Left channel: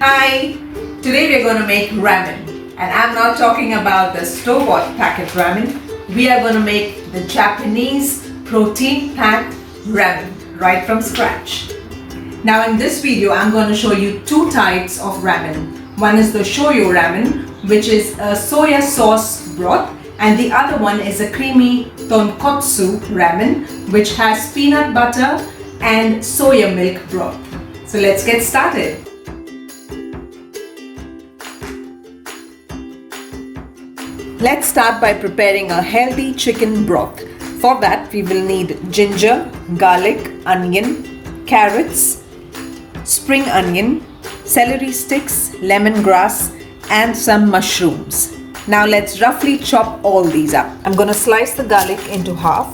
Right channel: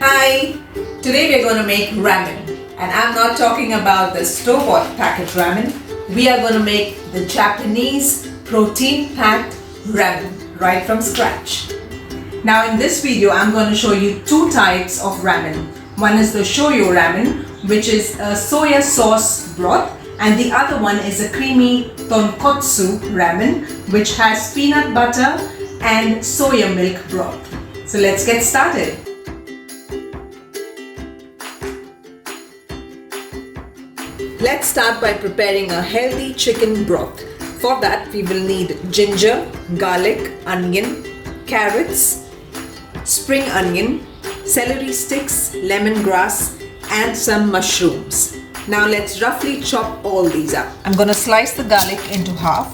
Hi! Today we're going to make ramen, and I'm not talking about the store-bought packet ramen. We are going to make the Japanese protein-packed ramen right from scratch. Now in this video I'm going to show you two types of ramen. One is the Shoyu Ramen, which is a soya sauce broth, and the other one is a creamy Tonkotsu Ramen, which has peanut butter and soya milk broth. So let's get started. Let's start by preparing a healthy chicken broth. For that we will need ginger, garlic, onion, carrots, spring onion, celery sticks, lemongrass and some mushrooms. Now let's roughly chop all these up. I'm going to slice the garlic into half.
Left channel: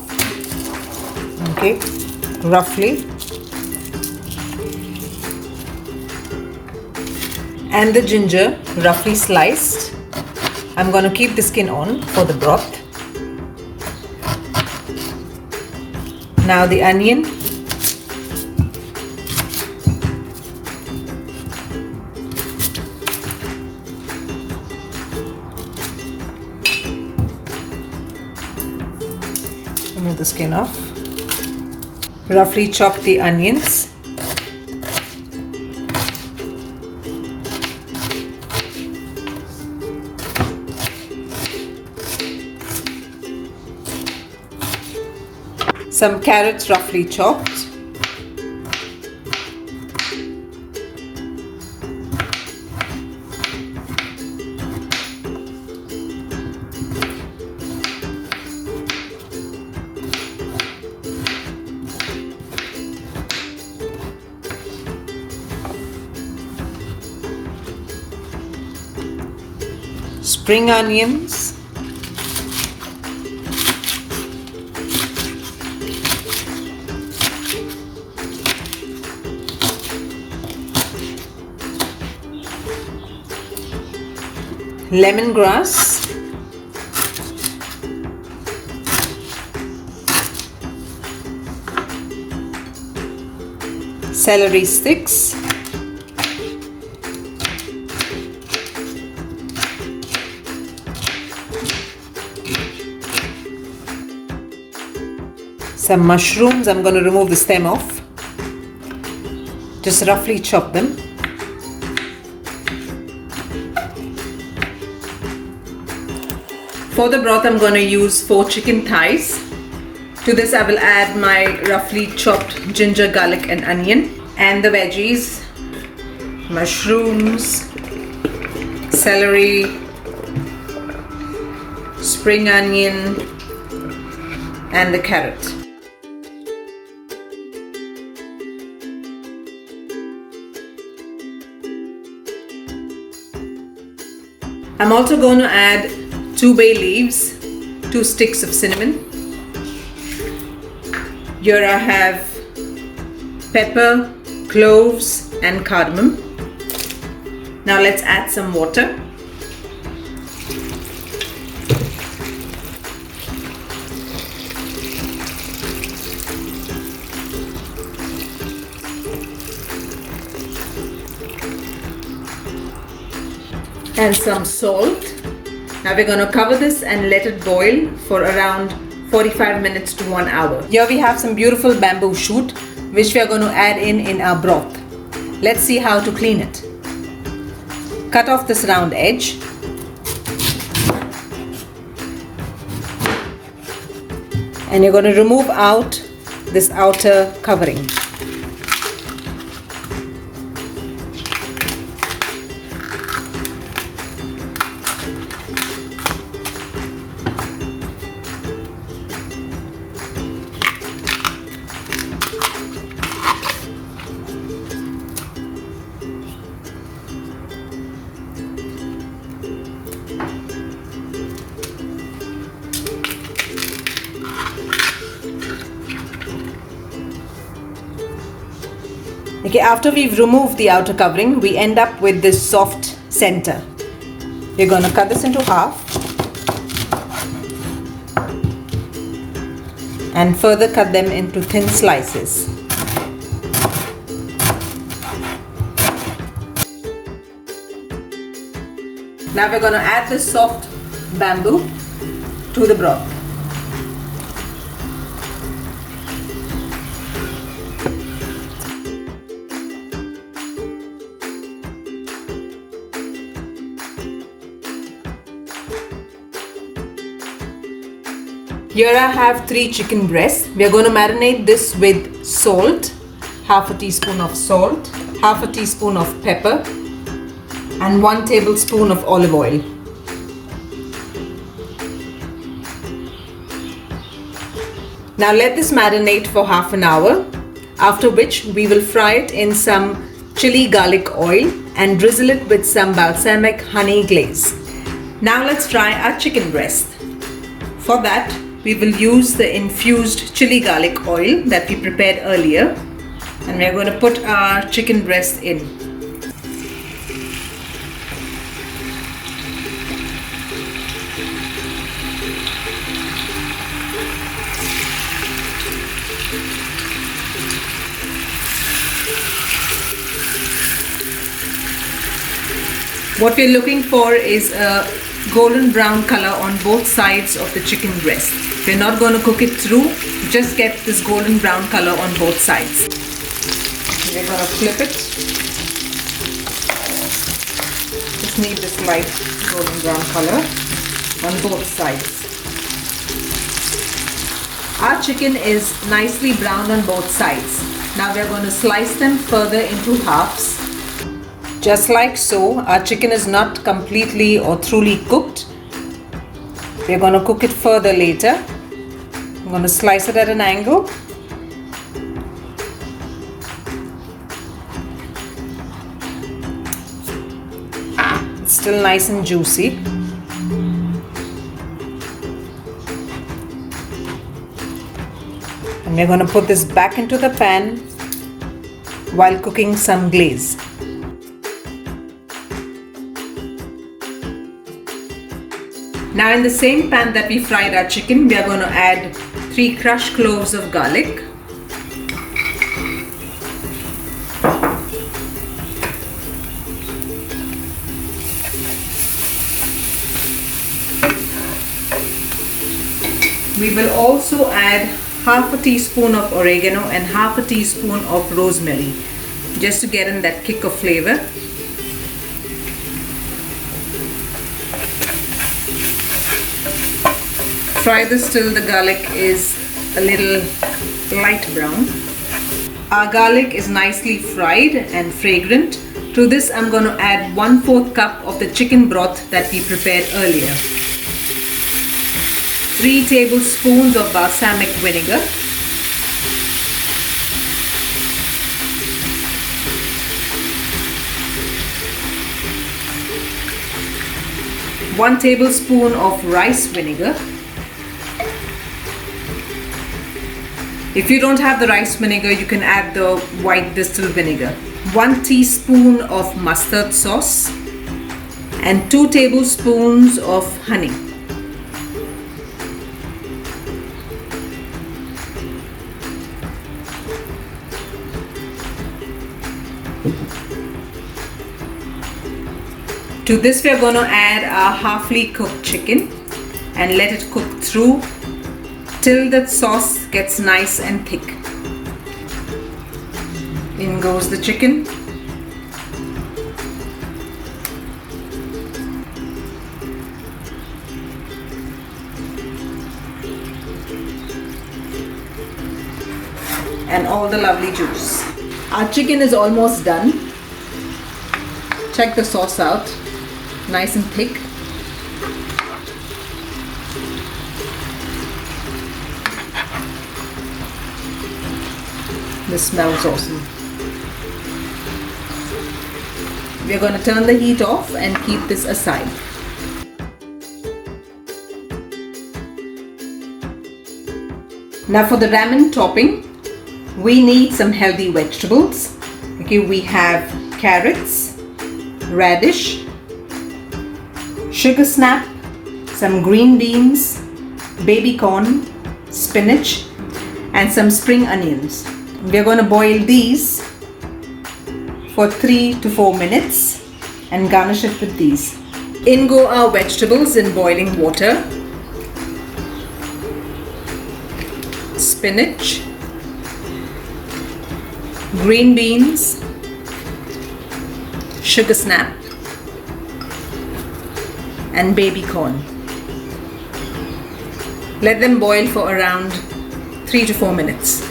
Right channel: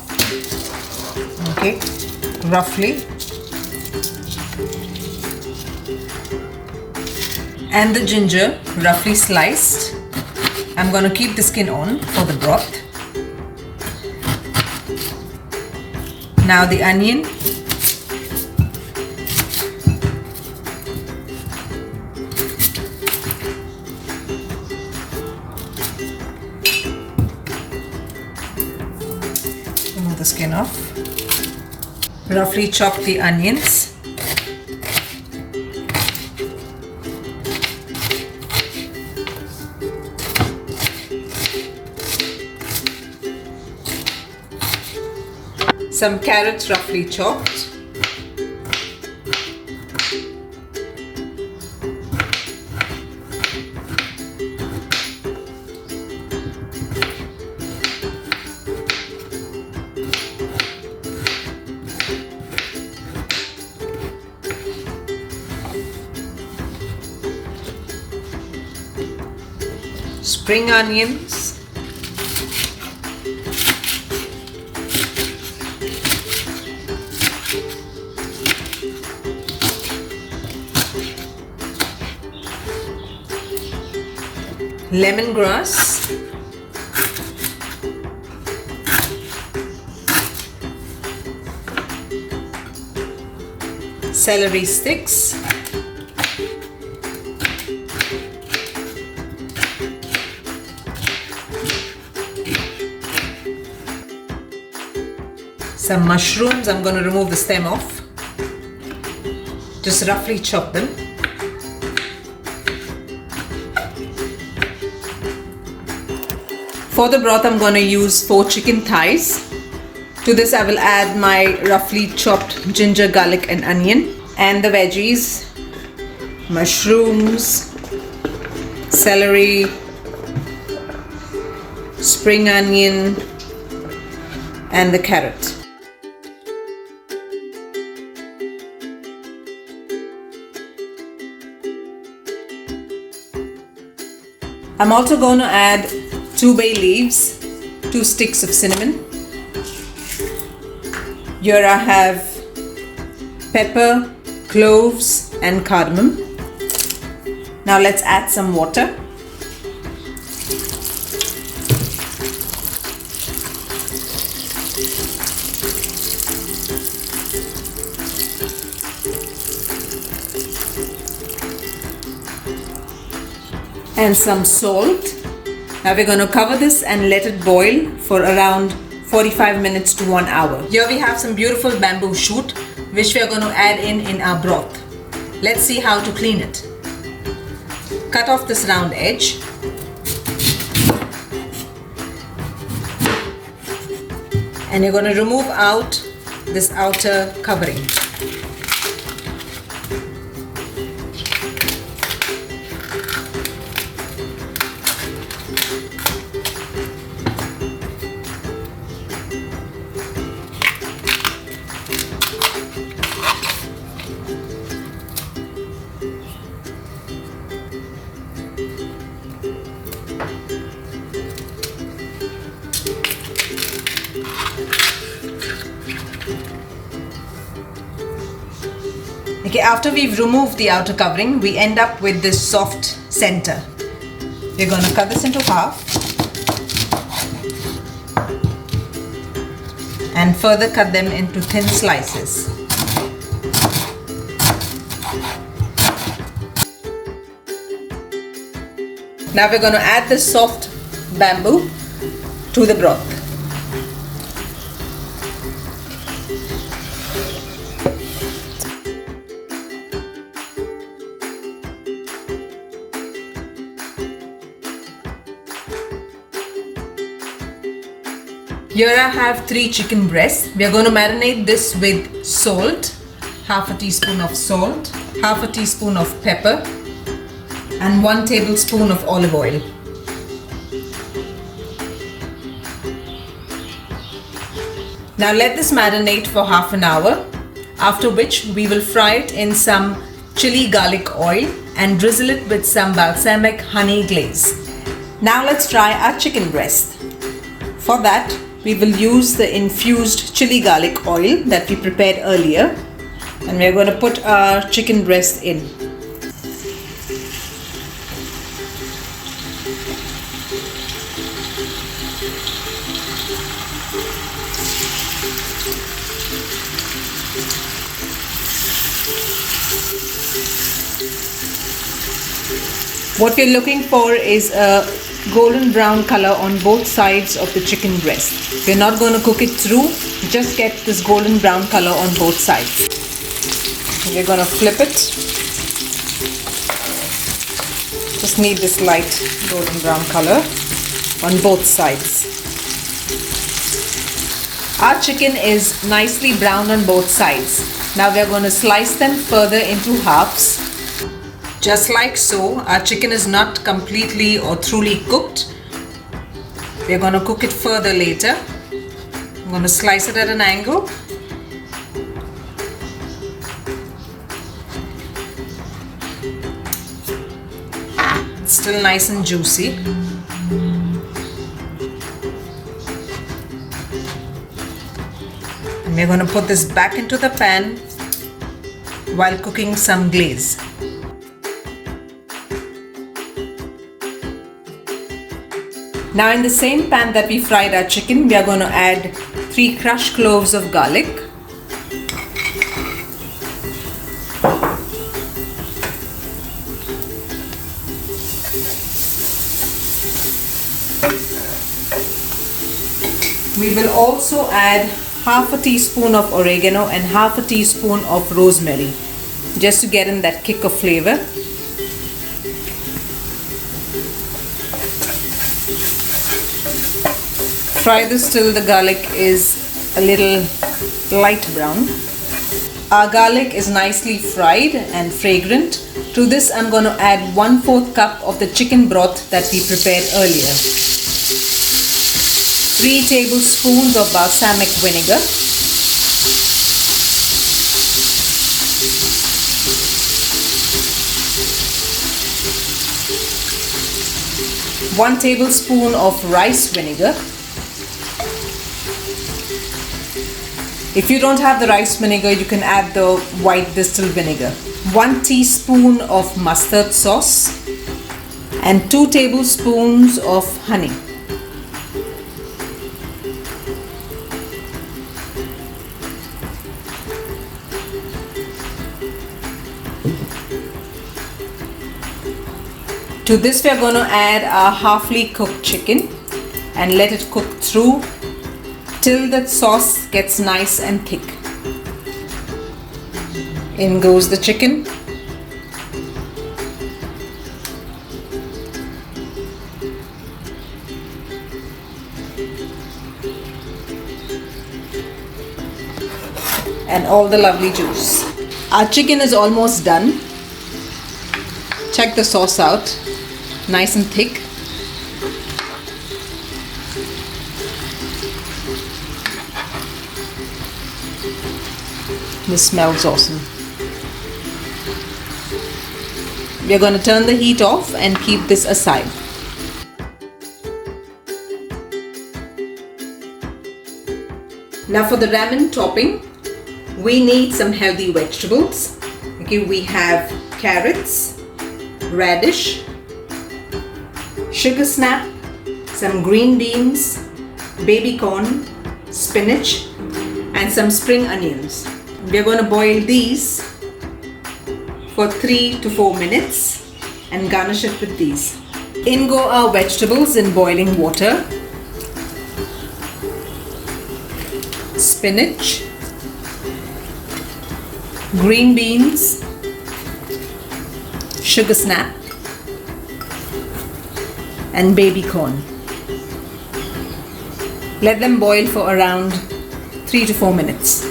Okay, roughly. And the ginger roughly sliced. I'm going to keep the skin on for the broth. Now the onion. Remove the skin off. Roughly chop the onions. Some carrots roughly chopped. Spring onions. Lemongrass, celery sticks, some mushrooms. I'm going to remove the stem off. Just roughly chop them. For the broth, I'm going to use 4 chicken thighs. To this, I will add my roughly chopped ginger, garlic, and onion, and the veggies, mushrooms, celery, spring onion, and the carrot. I'm also going to add 2 bay leaves, 2 sticks of cinnamon. Here I have pepper, cloves and cardamom. Now let's add some water. And some salt. Now we're going to cover this and let it boil for around 45 minutes to 1 hour. Here we have some beautiful bamboo shoot which we are going to add in our broth. Let's see how to clean it. Cut off this round edge. And you're going to remove out this outer covering. Okay, after we've removed the outer covering, we end up with this soft center. We're going to cut this into half and further cut them into thin slices. Now we're going to add the soft bamboo to the broth. Here I have 3 chicken breasts. We are going to marinate this with salt, half a teaspoon of salt, half a teaspoon of pepper, and 1 tablespoon of olive oil. Now let this marinate for half an hour, after which we will fry it in some chili garlic oil and drizzle it with some balsamic honey glaze. Now let's fry our chicken breast. For that, we will use the infused chili garlic oil that we prepared earlier, and we're going to put our chicken breast in. What we're looking for is a golden brown color on both sides of the chicken breast. We're not going to cook it through, just get this golden brown color on both sides. We're going to flip it. Just need this light golden brown color on both sides. Our chicken is nicely browned on both sides. Now we're going to slice them further into halves. Just like so. Our chicken is not completely or truly cooked. We're going to cook it further later. I'm going to slice it at an angle. It's still nice and juicy. And we're going to put this back into the pan while cooking some glaze. Now in the same pan that we fried our chicken, we are going to add 3 crushed cloves of garlic, we will also add half a teaspoon of oregano and half a teaspoon of rosemary, just to get in that kick of flavor. Fry this till the garlic is a little light brown. Our garlic is nicely fried and fragrant. To this I'm going to add 1/4 cup of the chicken broth that we prepared earlier. 3 tablespoons of balsamic vinegar. One tablespoon of rice vinegar. If you don't have the rice vinegar, you can add the white distilled vinegar. 1 teaspoon of mustard sauce and 2 tablespoons of honey. To this we are going to add our halfly cooked chicken and let it cook through till the sauce gets nice and thick. In goes the chicken. And all the lovely juice. Our chicken is almost done. Check the sauce out. Nice and thick. This smells awesome. We are going to turn the heat off and keep this aside. Now for the ramen topping, we need some healthy vegetables. Okay, we have carrots, radish, sugar snap, some green beans, baby corn, spinach, and some spring onions. We are going to boil these for 3 to 4 minutes and garnish it with these. In go our vegetables in boiling water. Spinach, green beans, sugar snap, and baby corn. Let them boil for around 3 to 4 minutes.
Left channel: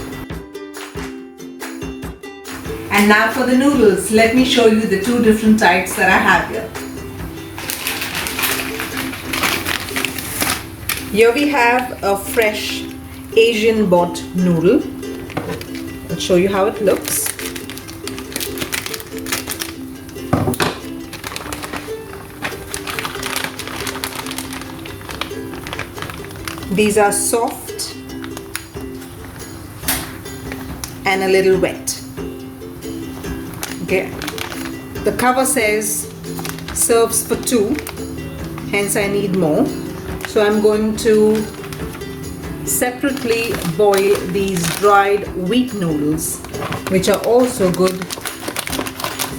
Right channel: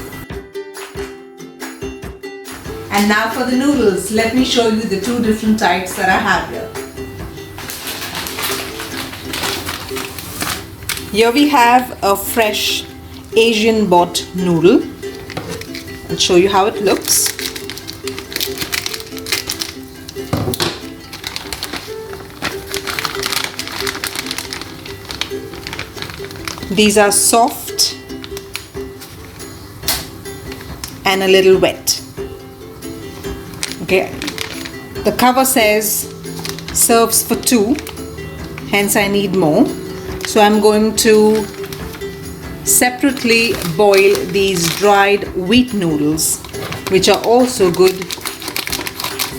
And now for the noodles, let me show you the two different types that I have here. Here we have a fresh Asian bought noodle. I'll show you how it looks. These are soft and a little wet. Okay, the cover says serves for two, hence I need more. So I'm going to separately boil these dried wheat noodles, which are also good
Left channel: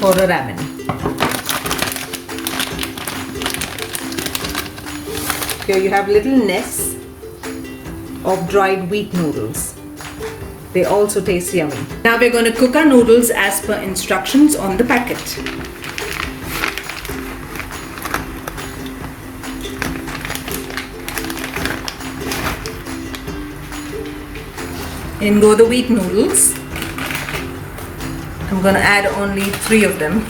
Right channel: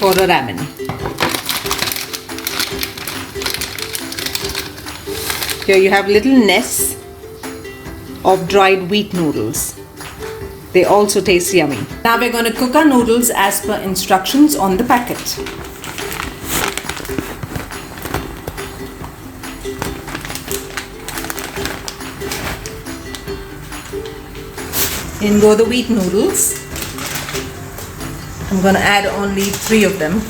for a ramen. Here you have little nests of dried wheat noodles. They also taste yummy. Now we're going to cook our noodles as per instructions on the packet. In go the wheat noodles. I'm going to add only 3 of them.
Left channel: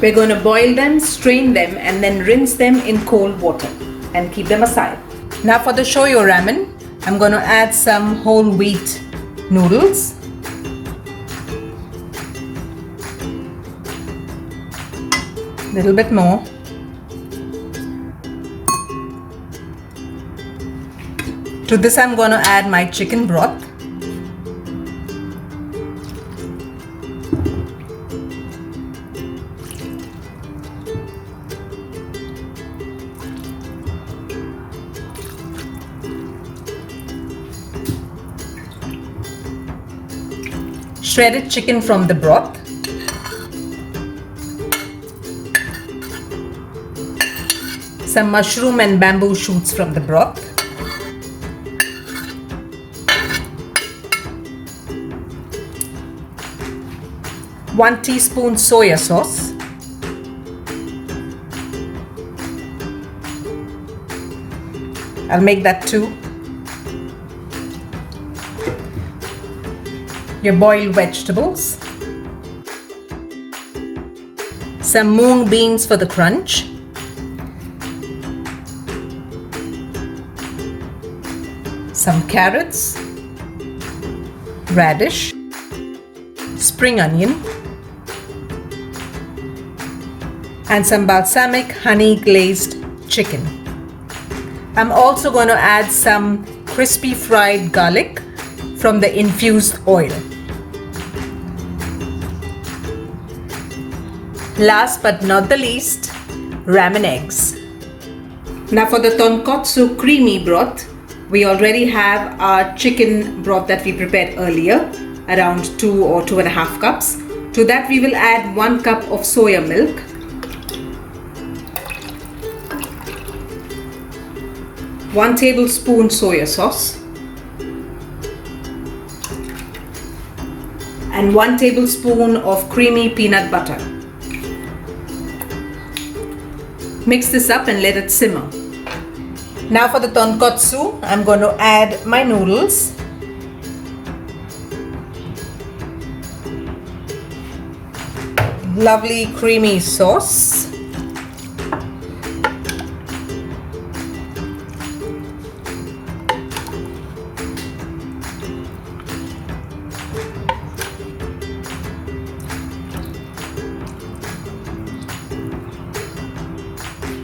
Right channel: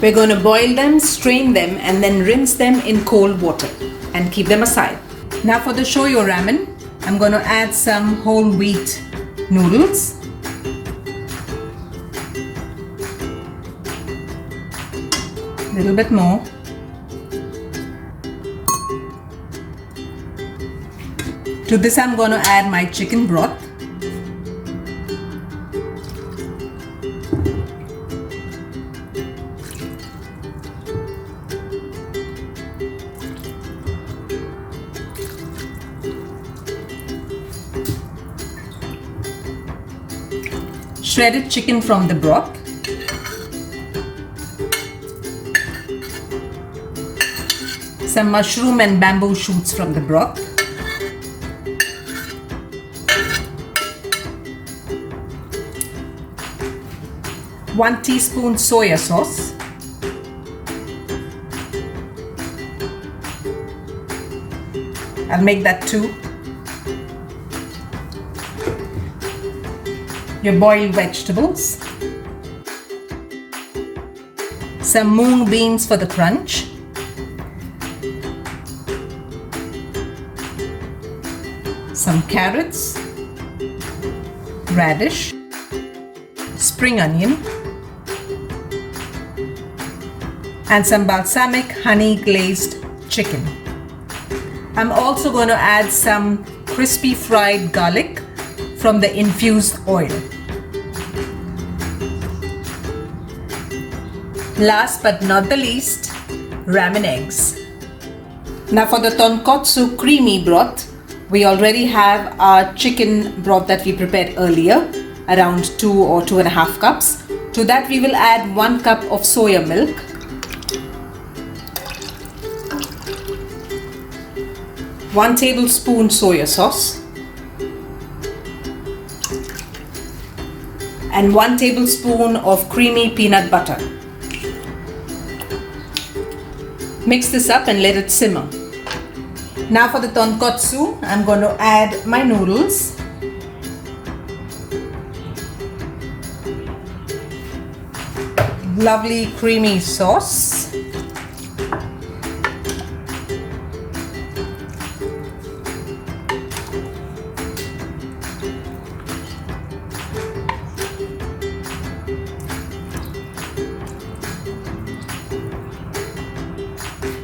We're going to boil them, strain them, and then rinse them in cold water and keep them aside. Now for the shoyu ramen, I'm going to add some whole wheat noodles. A little bit more. To this I'm going to add my chicken broth. Shredded chicken from the broth. Some mushroom and bamboo shoots from the broth. One teaspoon soya sauce. I'll make that 2. Your boiled vegetables. Some mung beans for the crunch. Some carrots. Radish. Spring onion. And some balsamic honey glazed chicken. I'm also going to add some crispy fried garlic from the infused oil. Last but not the least, ramen eggs. Now for the tonkotsu creamy broth, we already have our chicken broth that we prepared earlier, around 2 or 2.5 cups. To that we will add 1 cup of soya milk, 1 tablespoon soya sauce, and 1 tablespoon of creamy peanut butter. Mix this up and let it simmer. Now for the tonkotsu, I'm going to add my noodles. Lovely creamy sauce.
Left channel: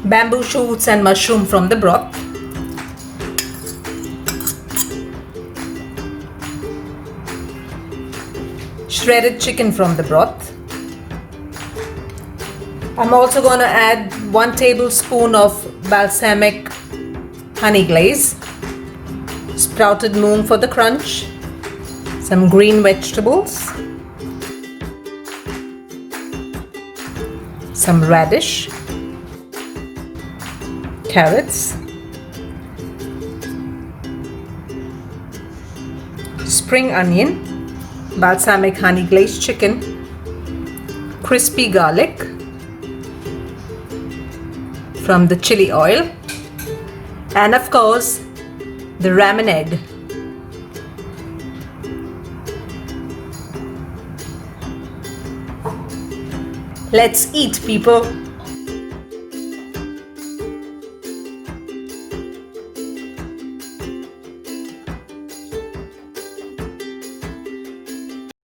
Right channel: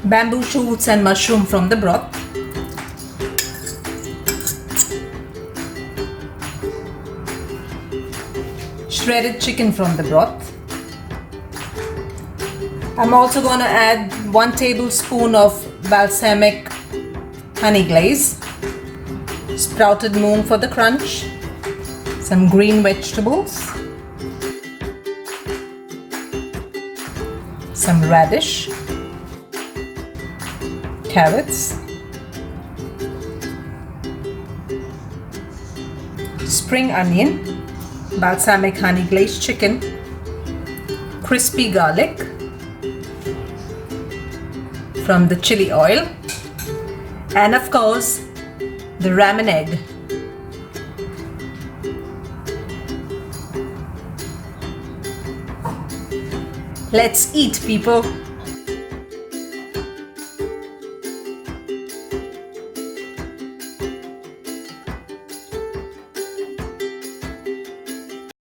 Bamboo shoots and mushroom from the broth. Shredded chicken from the broth. I'm also going to add 1 tablespoon of balsamic honey glaze, sprouted mung for the crunch, some green vegetables, some radish, carrots, spring onion, balsamic honey glazed chicken, crispy garlic from the chili oil, and of course the ramen egg. Let's eat, people.